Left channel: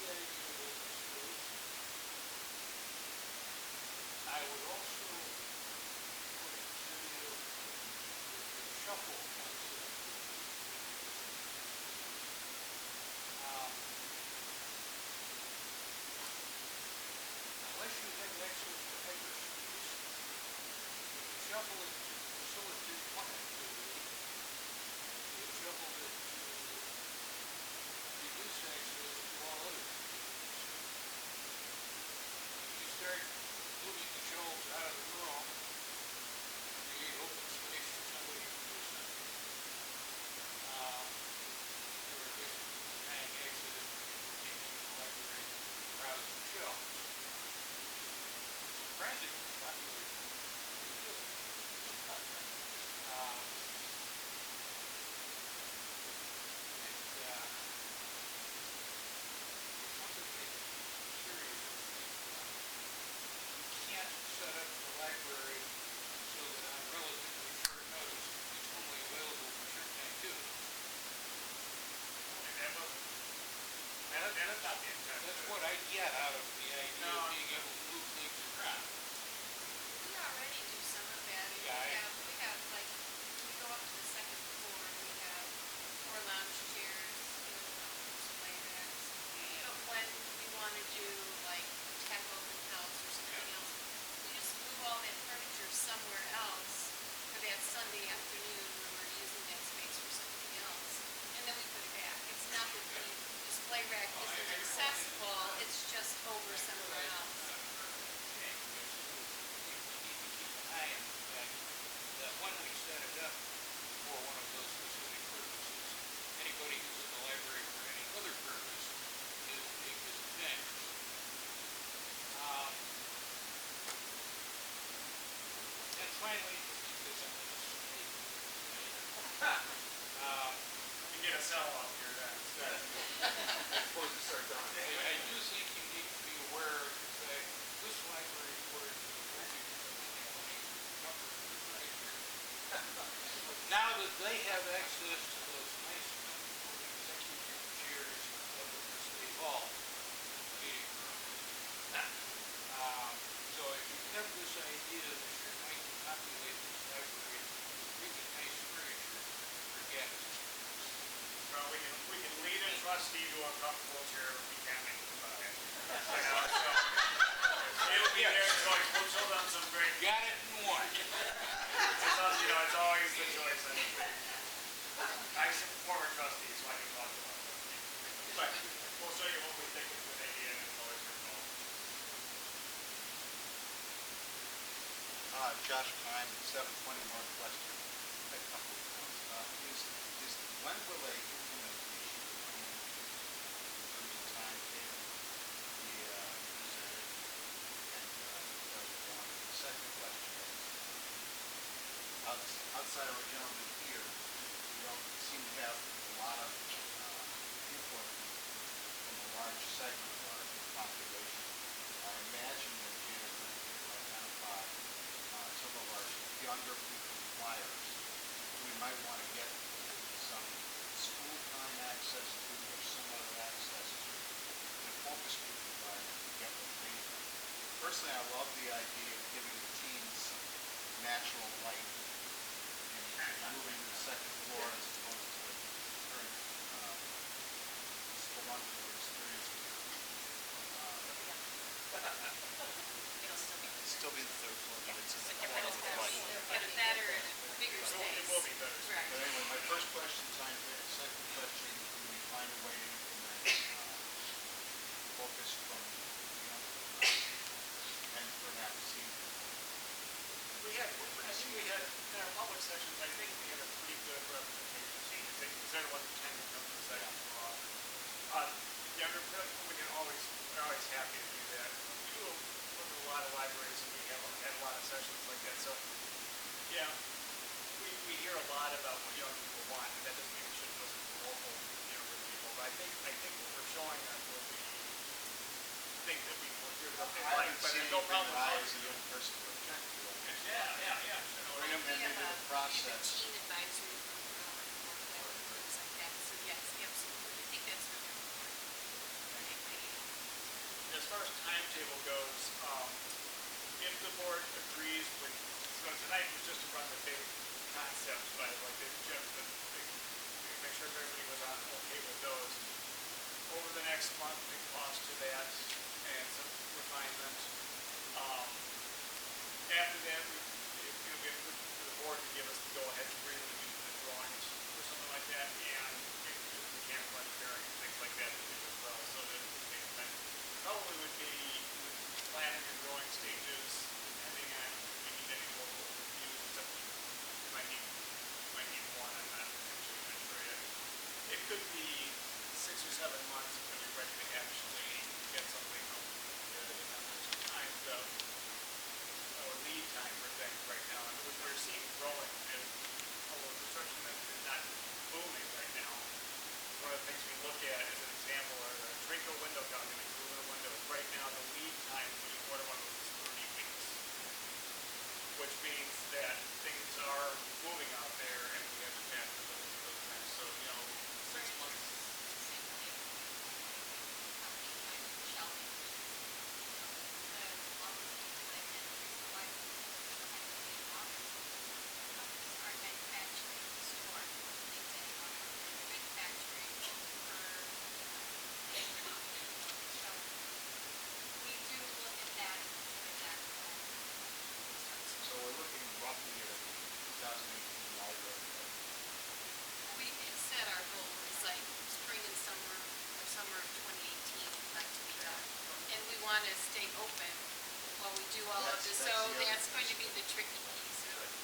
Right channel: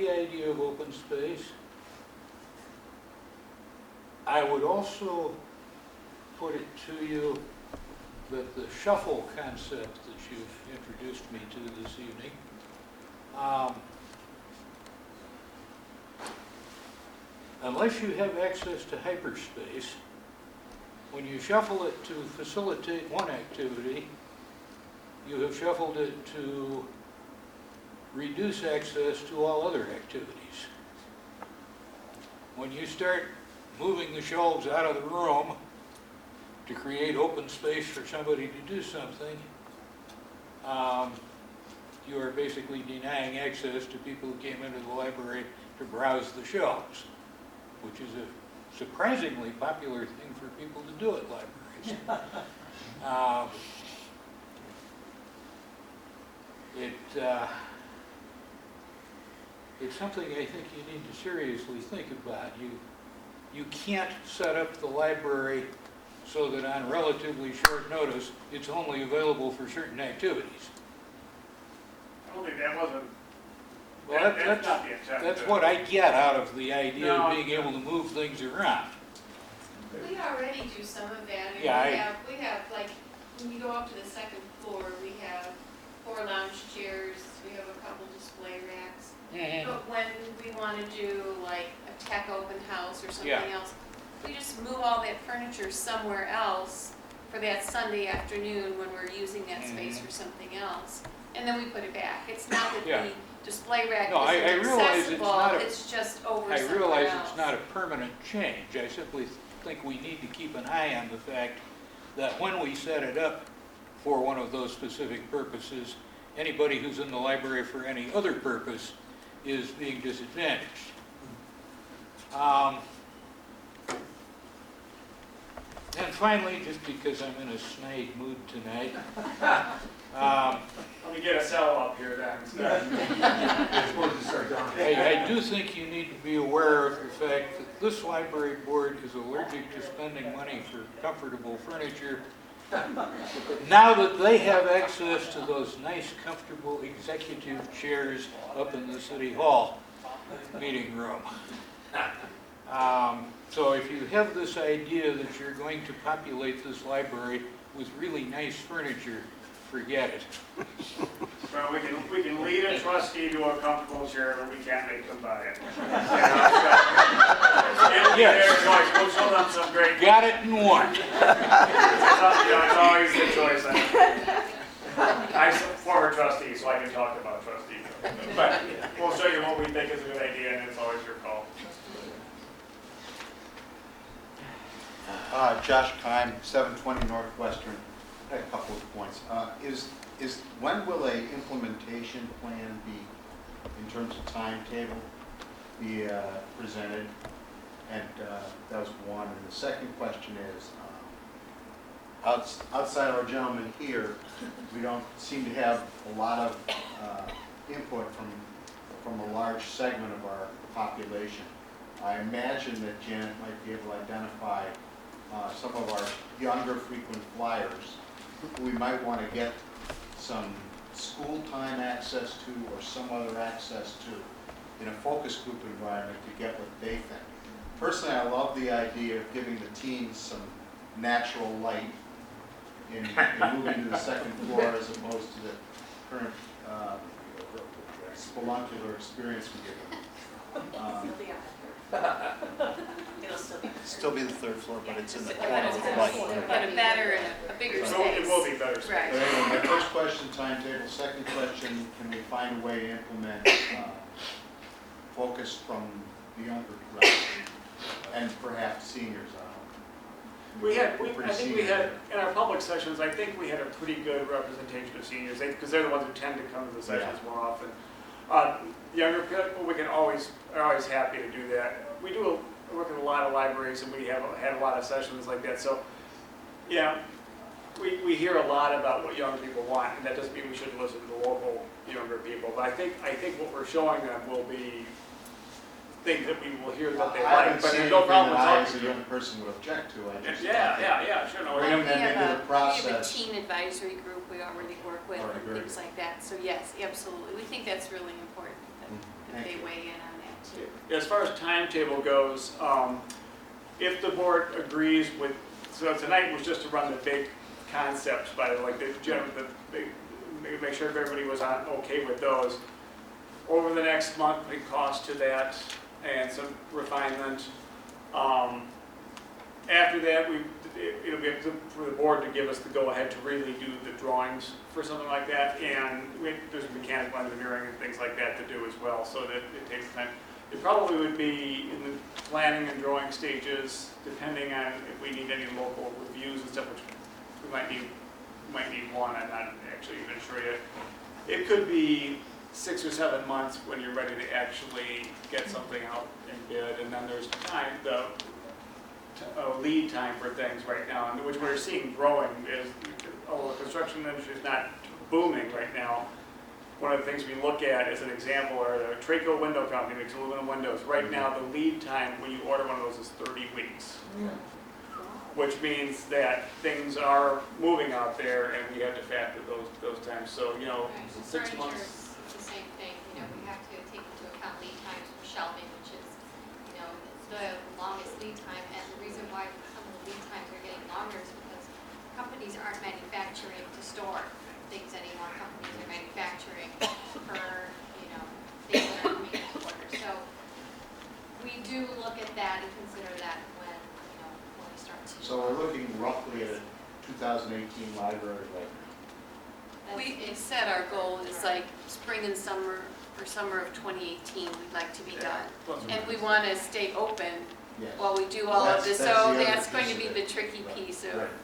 the idea of open space. I would also put it to you that the shuffle concept that you introduced me to this evening, unless you have access to hyperspace, when you shuffle it to facilitate one activity, you have shuffled it to reduce access to all other activities. When you start moving the shelves out of the room to create open space for somebody to do something, you are basically denying access to people who came into the library to browse the shelves, which is a surprisingly popular thing for people to do at libraries. It's something I think you need to seriously think about. You can't set up the library so that on relatively short notice, it's only available for certain activities. Only that wasn't, Well, that's not the intent. that's what I get out of the idea of being able to move things around. We already do some of that. I mean, Yeah, we have like, when you go up to the second floor, we have 4 lounge chairs, we have a couple display racks. Mhm. But when we want to do like a tech open house or something Yeah. else, we just move all that furniture somewhere else for that Sunday afternoon when we're using that space for something else. And then we put it back. It's not that Yeah. the display rack No, I isn't realize it's accessible, not a- it's just over I somewhere realize else. it's not a permanent change. I simply think we need to keep an eye on the fact that when we set it up for one of those specific purposes, anybody who's in the library for any other purpose is being disadvantaged. And finally, just because I'm in a snide mood tonight, Let me get a cell up here then. I do think you need to be aware of the fact that this library board is allergic to spending money for comfortable furniture. Now that they have access to those nice, comfortable executive chairs up in the City Hall meeting room. So if you have this idea that you're going to populate this library with really nice furniture, forget it. Well, we can lead a trustee to a comfortable chair, but we can't make them buy it. Yes. We'll show them some great. Got it in one. It's always a choice. I'm a former trustee, so I can talk about trustees. But we'll show you what we think is a good idea, and it's always your call. Josh Kime, 720 Northwestern. I have a couple of points. When will a implementation plan be, in terms of timetable, be presented? And that was one. And the second question is, outside our gentleman here, we don't seem to have a lot of input from a large segment of our population. I imagine that Janet might be able to identify some of our younger frequent flyers who we might want to get some school time access to or some other access to in a focus group environment to get what they think. Personally, I love the idea of giving the teens some natural light in moving to the second floor as opposed to the current speluncular experience we give them. Still be the third floor, but it's in the corner of the light. But a better and a bigger space. It will be better. Right. But anyway, my first question, timetable. Second question, can we find a way to implement focus from the younger crowd and perhaps seniors? I think we had, in our public sessions, I think we had a pretty good representation of seniors, because they're the ones who tend to come to the sessions more often. Younger people, are always happy to do that. We work in a lot of libraries, and we have had a lot of sessions like that. So, yeah, we hear a lot about what younger people want, and that doesn't mean we shouldn't listen to the local younger people. But I think what we're showing them will be things that we will hear that they like. But there's no problem talking talking to a young person would object to. Yeah, sure. No, Bring them into the We have a process. teen advisory group we already work with and things like that. So yes, absolutely. We think that's really important that they weigh in. As far as timetable goes, if the board agrees with, so tonight was just to run the big concepts by like the general, make sure everybody was okay with those. Over the next month, big cost to that and some refinement. After that, it'll be up for the board to give us the go-ahead to really do the drawings for something like that, and there's mechanical engineering and things like that to do as well, so that it takes time. It probably would be in the planning and drawing stages, depending on if we need any local reviews and stuff, which we might need one, I'm not actually even sure yet. It could be 6 or 7 months when you're ready to actually get something out and bid, and then there's time, a lead time for things right now, and which we're seeing growing is, although the construction industry is not booming right now, one of the things we look at as an example are the Traco window company makes aluminum windows. Right now, the lead time when you order one of those is 30 weeks, which means that things are moving out there, and we have to factor those times. So, you know, 6 Furniture months. is the same thing, you know, we have to take into account lead times for shelving, which is, you know, the longest lead time, and the reason why some of the lead times are getting longer is because companies aren't manufacturing to store things anymore, companies are manufacturing for, you know, things that are moving to order. So we do look at that and consider that when, you know, when it starts. So we're looking roughly at a 2018 library budget. That's- We said our goal is like spring and summer, or summer of 2018, we'd like to be done. And we want to stay open Yes. while we do all Well, of this, that's so the other that's going piece to be of the it. tricky piece of Right.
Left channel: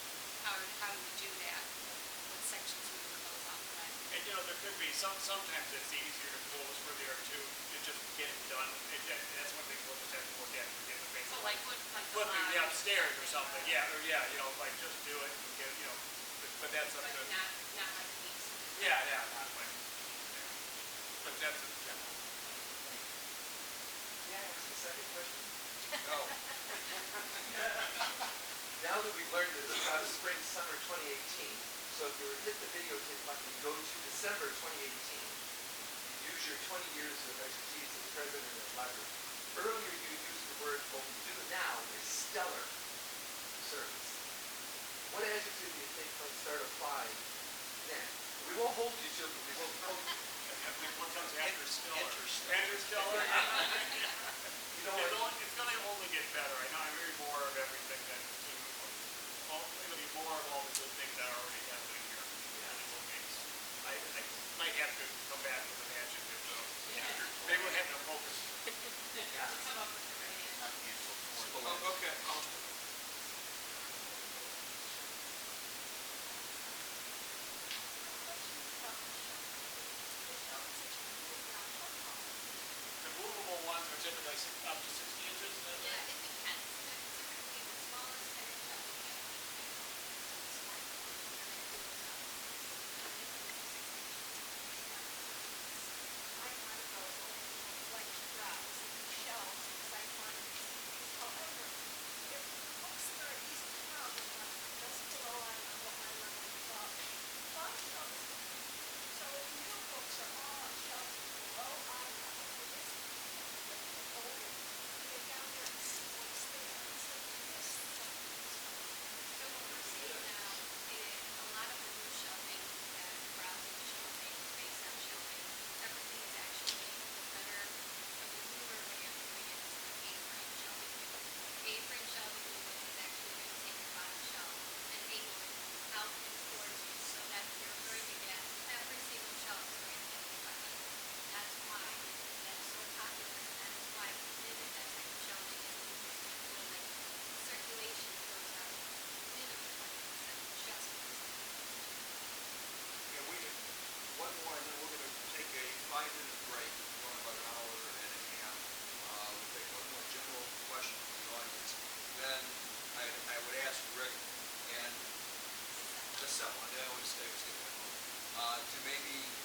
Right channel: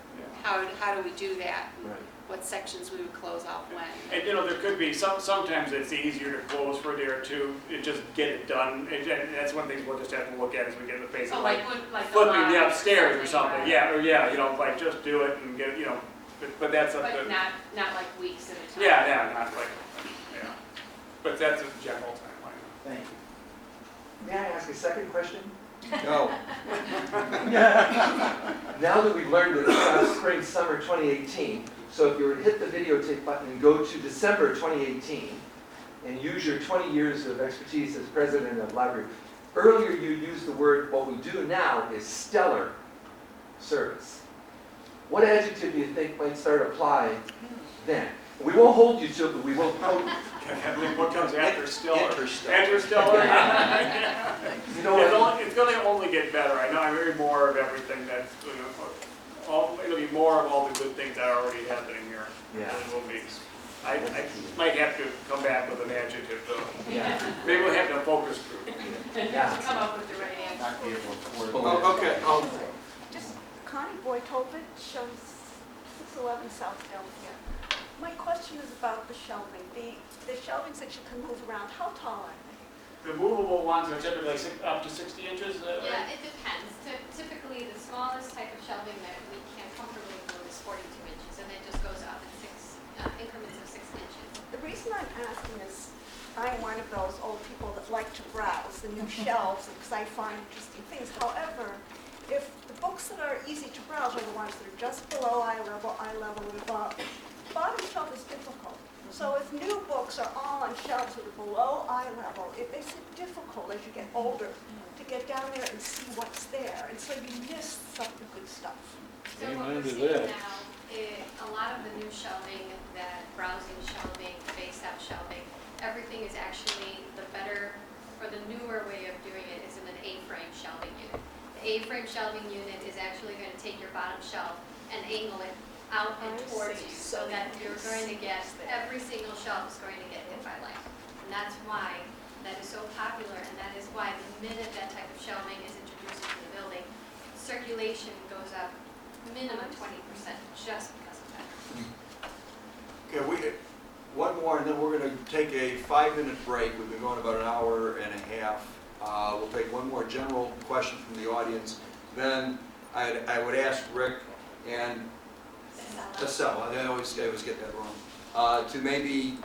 how do we do that? Right. What sections we would close out when. And you know, there could be, sometimes it's easier to close for there too, and just get it done, and that's one thing we'll just have to look at as we get in the phase So of like, like, like the flipping the lines upstairs or something, right? yeah, you know, like just do it and get, you know, but that's up to, But not like weeks at a time. yeah, not like, yeah, but that's a general timeline. Thank you. May I ask a second question? No. Now that we've learned that it's spring, summer 2018, so if you were to hit the videotape button and go to December 2018 and use your 20 years of expertise as president of the library, earlier you used the word, what we do now is stellar service. What adjective do you think might start applying then? We won't hold you to it, but we will quote. What comes after Stellar? Interstellar. After Stellar? You know what? It's going to only get better. I know I'm hearing more of everything that, you know, it'll be more of all the good things that are already happening here. Yeah. It will be. I might have to come back with an adjective though. Yeah. Maybe we'll have to focus group. Yeah. Come up with the right answer. Not be able to afford Oh, that. Okay. Just Connie Boyd-Holbert, shows 611 South Delaware. My question is about the shelving. The shelvings that you can move around, how tall are they? The movable ones are typically up to 60 inches. Yeah, it depends. Typically, the smallest type of shelving that we can comfortably do is 42 inches, and it just goes up 6 increments of 6 inches. The reason I'm asking is, I'm one of those old people that like to browse the new shelves because I find interesting things. However, if the books that are easy to browse are the ones that are just below eye level, and above, the bottom shelf is difficult. So if new books are all on shelves that are below eye level, it makes it difficult as you get older to get down there and see what's there. And so you miss some of the good stuff. So what Amen we're to seeing that. now is a lot of the new shelving, that browsing shelving, face up shelving, everything is actually the better, for the newer way of doing it is in an A-frame shelving unit. The A-frame shelving unit is actually going to take your bottom shelf and angle it out and towards you, so that you're going to get, every single shelf is going to get hit by light. And that's why that is so popular, and that is why the minute that type of shelving is introduced into the building, circulation goes up minimum 20% just because of that. Yeah, one more, and then we're going to take a 5-minute break. We've been going about an hour and a half. We'll take one more general question from the audience. Then I would ask Rick and Cassell, I always get that wrong, to maybe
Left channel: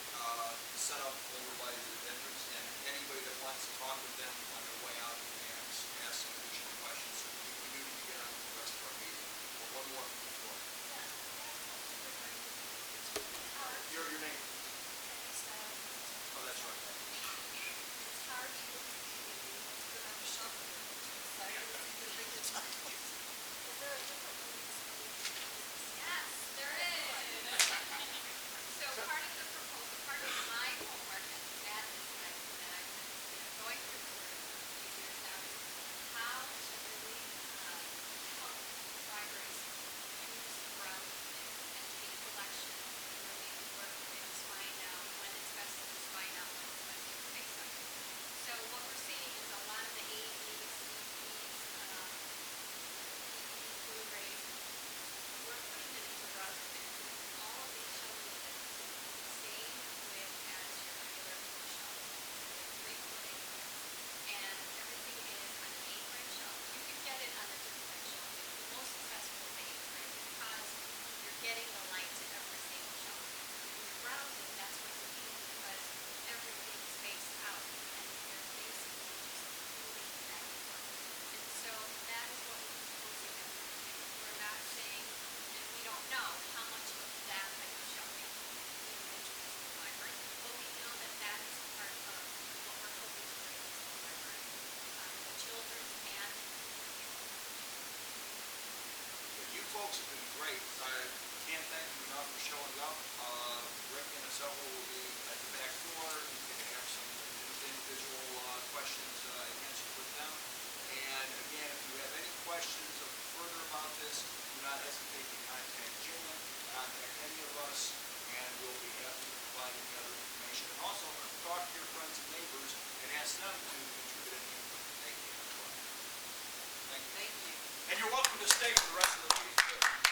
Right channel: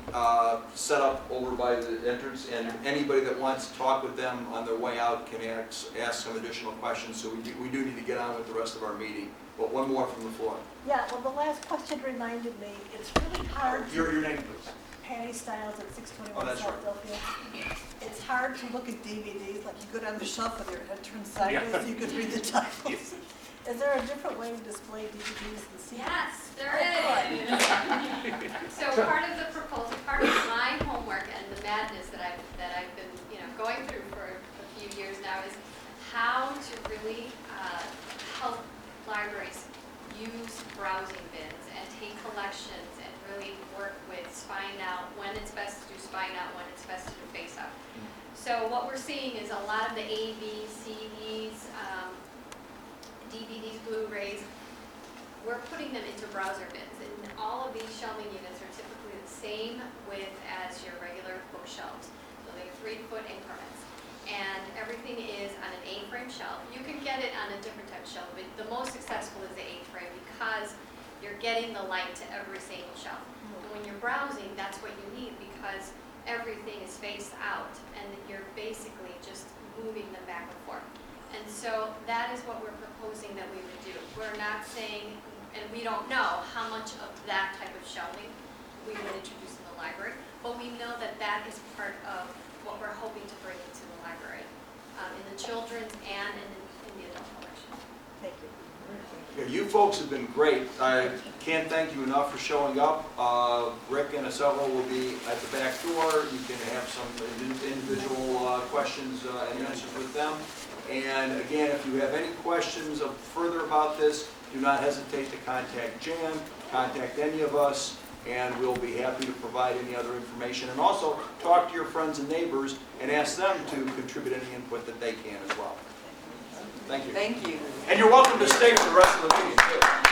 set up over by the entrance, and anybody that wants to talk with them on their way out can ask some additional questions. So we do need to get on with the rest of our meeting. But one more from the floor. Yeah, well, the last question reminded me, it's really hard Your name, please. Patty Styles at 6 Oh, that's right. It's hard to look at DVDs, like you go down the shelf and they're turned sideways, you could read the titles. Is there a different way to display DVDs? Yes, there is. So part of the proposal, part of my homework and the madness that I've been, going through for a few years now is how to really help libraries use browsing bins and take collections and really work with spying out when it's best to do spying out, when it's best to do face up. So what we're seeing is a lot of the AVs, CDs, DVD, Blu-rays, we're putting them into browser bins. And all of these shelving units are typically the same width as your regular bookshelves. So they're 3-foot increments. And everything is on an A-frame shelf. You can get it on a different type of shelf, but the most successful is the A-frame because you're getting the light to every single shelf. And when you're browsing, that's what you need because everything is spaced out and you're basically just moving them back and forth. And so that is what we're proposing that we would do. We're not saying, and we don't know how much of that type of shelving we will introduce in the library, but we know that that is part of what we're hoping to bring into the library, in the children's and in the adult collection. Thank you. Yeah, you folks have been great. I can't thank you enough for showing up. Rick and several will be at the back door. You can have some individual questions and answers with them. And again, if you have any questions further about this, do not hesitate to contact Jan, contact any of us, and we'll be happy to provide any other information. And also, talk to your friends and neighbors and ask them to contribute any input that they can as well. Thank you. Thank you. And you're welcome to stay for the rest of the meeting, too.